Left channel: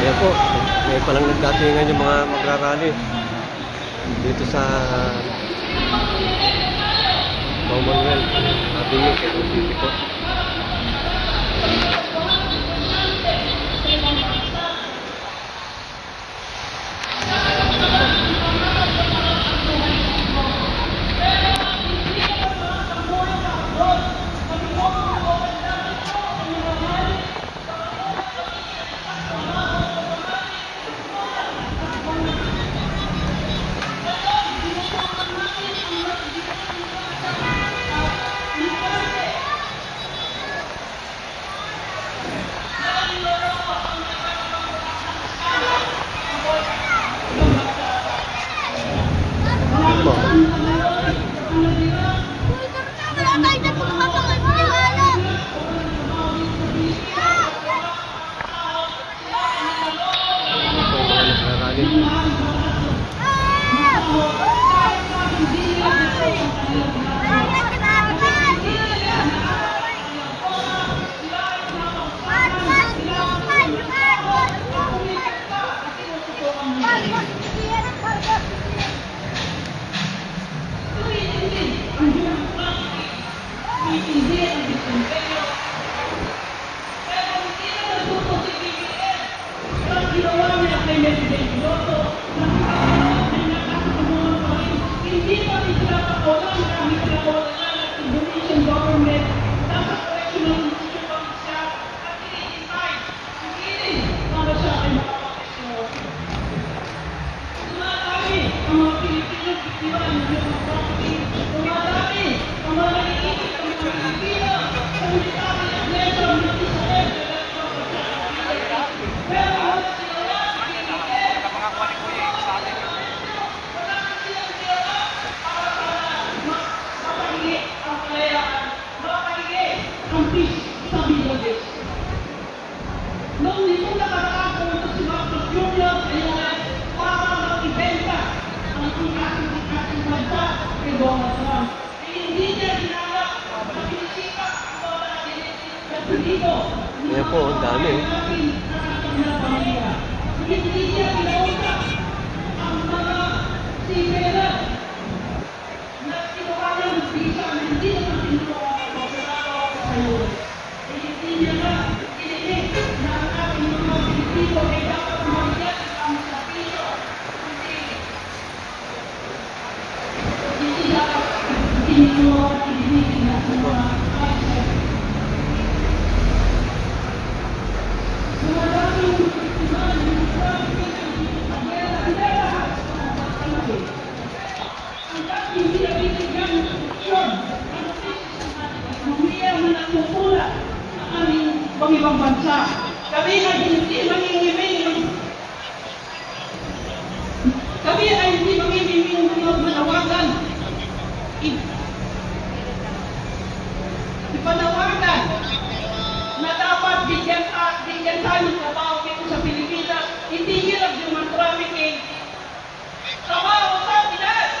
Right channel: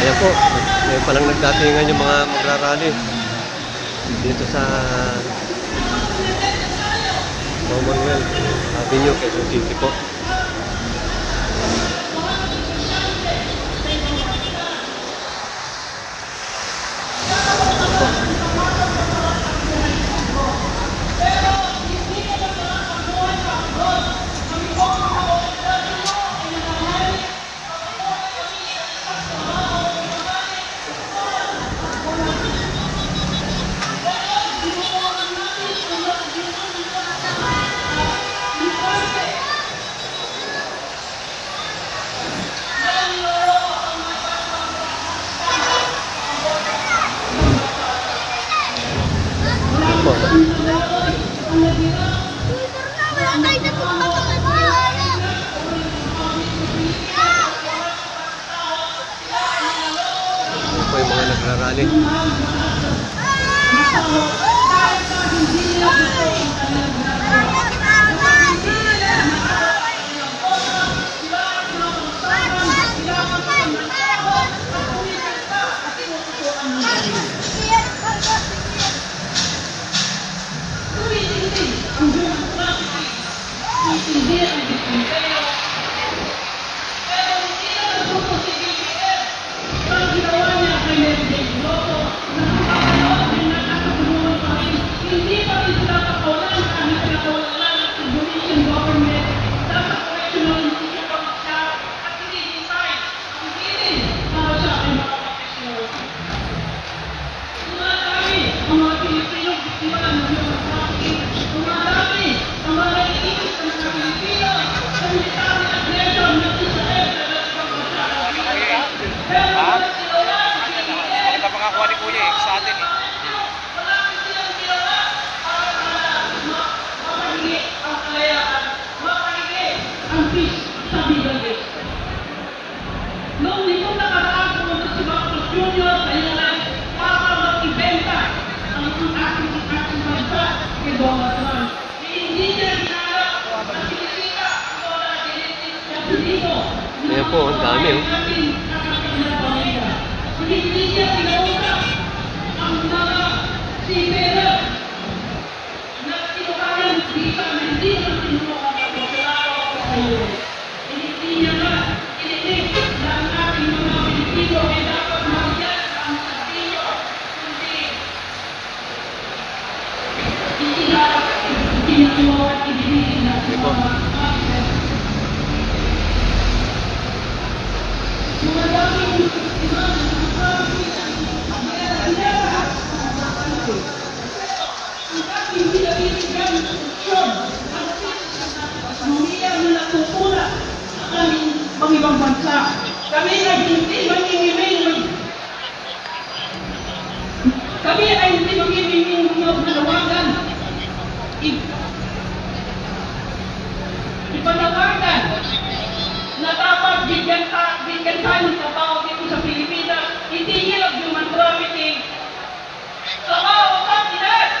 Ayan po, ngayon palang nagdatingan yung mga magrarally dito sa Commonwealth Avenue, Quezon City po. Ayan po, ang dami oh. Ibang bansa. Kami ay hindi mangingiming. Kami ay hindi mangingiming panawagan. Ipanawagan na dapat bigyan tayo ng trabaho dito sa Pilipinas. Hindi yung human trafficking. Trabaho sa Pinas!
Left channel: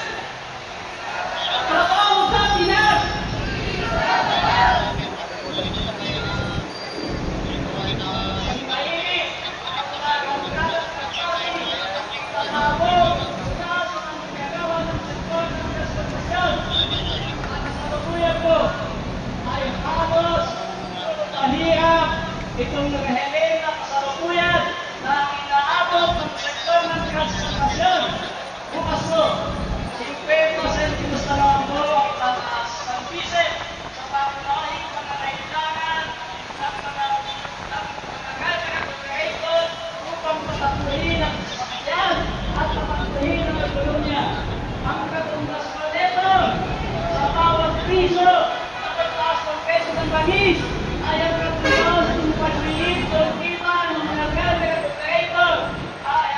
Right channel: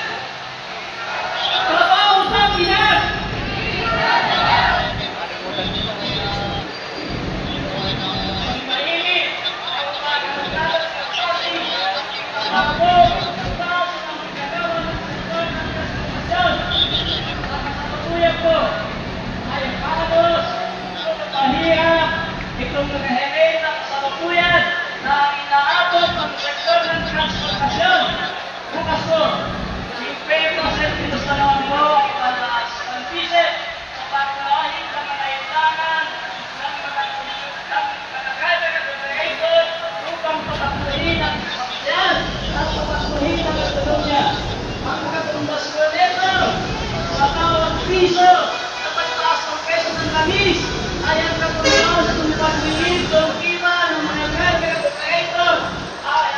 Trabaho sa Pinas! Itong naghahelay na kasalukuyan na inaabot ng sektor ng transportasyon. Bukas po, siyempre po sa pinustalawan ko ay pataas ng pisit sa pagkakahin ng mga kailangan ng mga kakagaya ng operator upang papatuhin ang sasakyan at papatuhin ang ekonomiya. Ang katumbas ko nito sa tawag piso at pagtaas ng peso ng langis ay ang katumbas ng pag-iib ng iba ng mga kagaya ng operator ay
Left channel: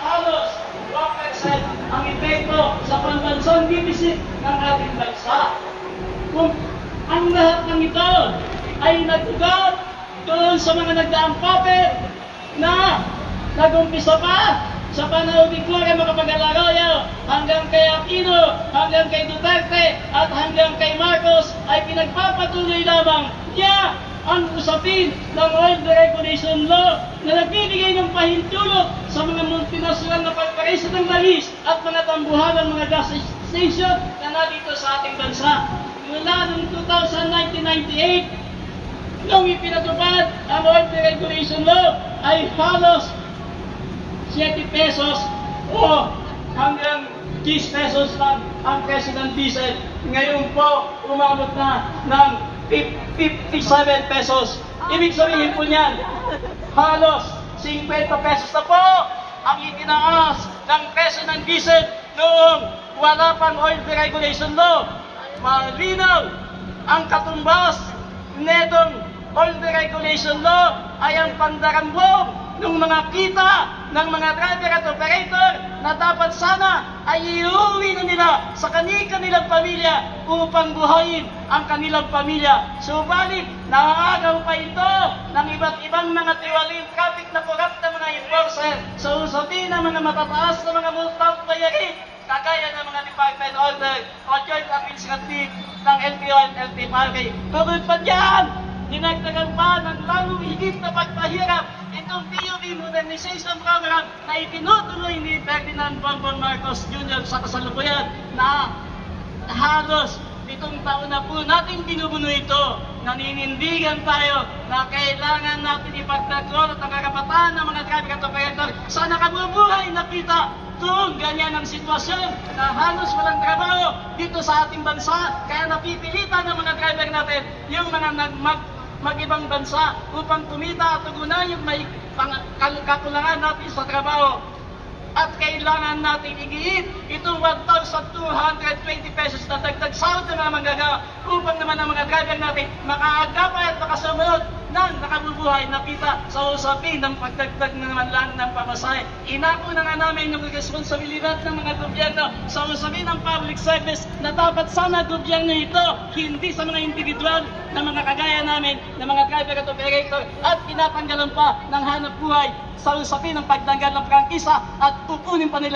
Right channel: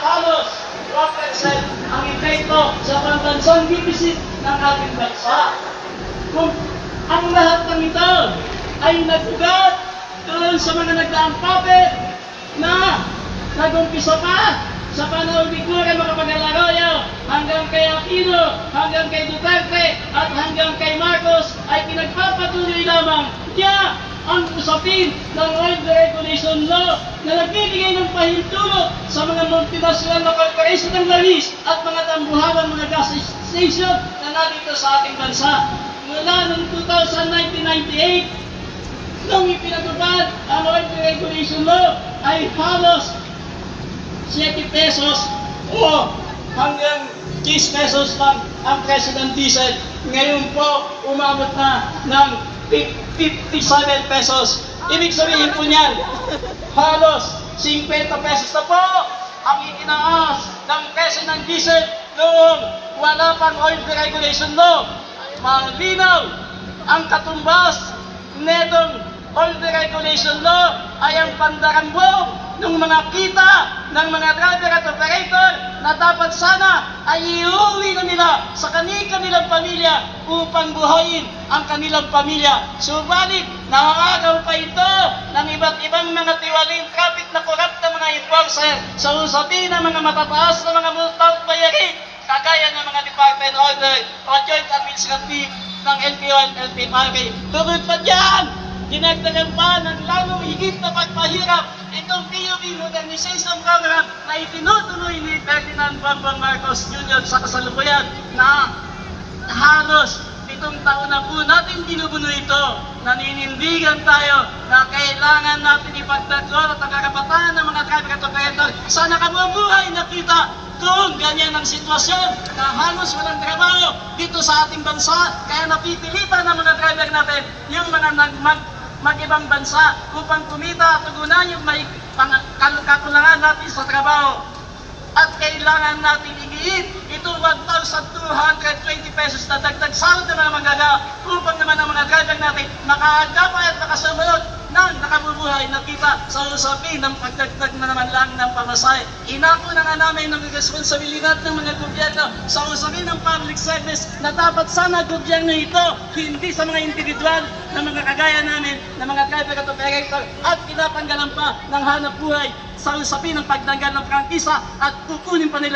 halos 1% ang epekto sa pambansang deficit ng ating bansa. Kung ang lahat ng ito ay nagbugat doon sa mga nagdaang puppet na nag-umpisa pa sa panahon ni Cura Macapagal-Arroyo hanggang kay Aquino, hanggang kay Duterte at hanggang kay Marcos ay pinagpapatuloy lamang niya ang usapin ng Oil Deregulation Law na nagbibigay ng pahintulot sa mga multinational na corporation ng langis at mga tambuhan ng mga gas station na nandito sa ating bansa. Mula noong 1998, nung ipinatupad ang Oil Deregulation Law ay halos 7 pesos o hanggang 10 pesos lang ang presyo ng diesel. Ngayon po, umabot na ng 57 pesos. Ibig sabihin po niyan, halos 50 pesos na po ang itinaas ng presyo ng diesel noong wala pang Oil Deregulation Law. Malinaw ang katumbas netong Oil Deregulation Law ay ang pandarambong ng mga kita ng mga driver at operator na dapat sana ay iuwi na nila sa kanilang pamilya upang buhayin ang kanilang pamilya. Subalit, nangangagaw pa ito ng iba't ibang mga tiwaling kapit na korap na mga enforcer sa usapin ng mga matataas na mga multa at bayarin kagaya ng mga department order o joint administrative ng LTO at LTFRA. Tugod pa dyan, dinagdagan pa ng lalong higit na pagpahirap itong PUV Modernization Program na itinutuloy ni Ferdinand Bongbong Marcos Jr. sa kasalukuyan na halos 7 taon na po natin binubuno ito. Naninindigan tayo na kailangan natin ipagtanggol at ang karapatan ng mga driver at operator sa nakabubuhay na kita. Kung ganyan ang sitwasyon na halos walang trabaho dito sa ating bansa, kaya napipilitan ng mga driver natin yung mga mag-ibang bansa upang kumita at tugunan yung may kakulangan natin sa trabaho. At kailangan natin igiit itong 1,220 pesos na dagdag sahod ng mga manggagawa upang naman ang mga driver natin makaagapay at makasamunod ng nakabubuhay na kita sa usapin ng pagdagdag na naman lang ng pamasahe. Inako na nga namin ng responsibilidad ng mga gobyerno sa usapin ng public service na dapat sana gobyerno ito, hindi sa mga individual na mga kagaya namin na mga driver at operator at tinatanggalan pa ng hanap buhay sa usapin ng pagtanggal ng prangkisa at kukunin pa nila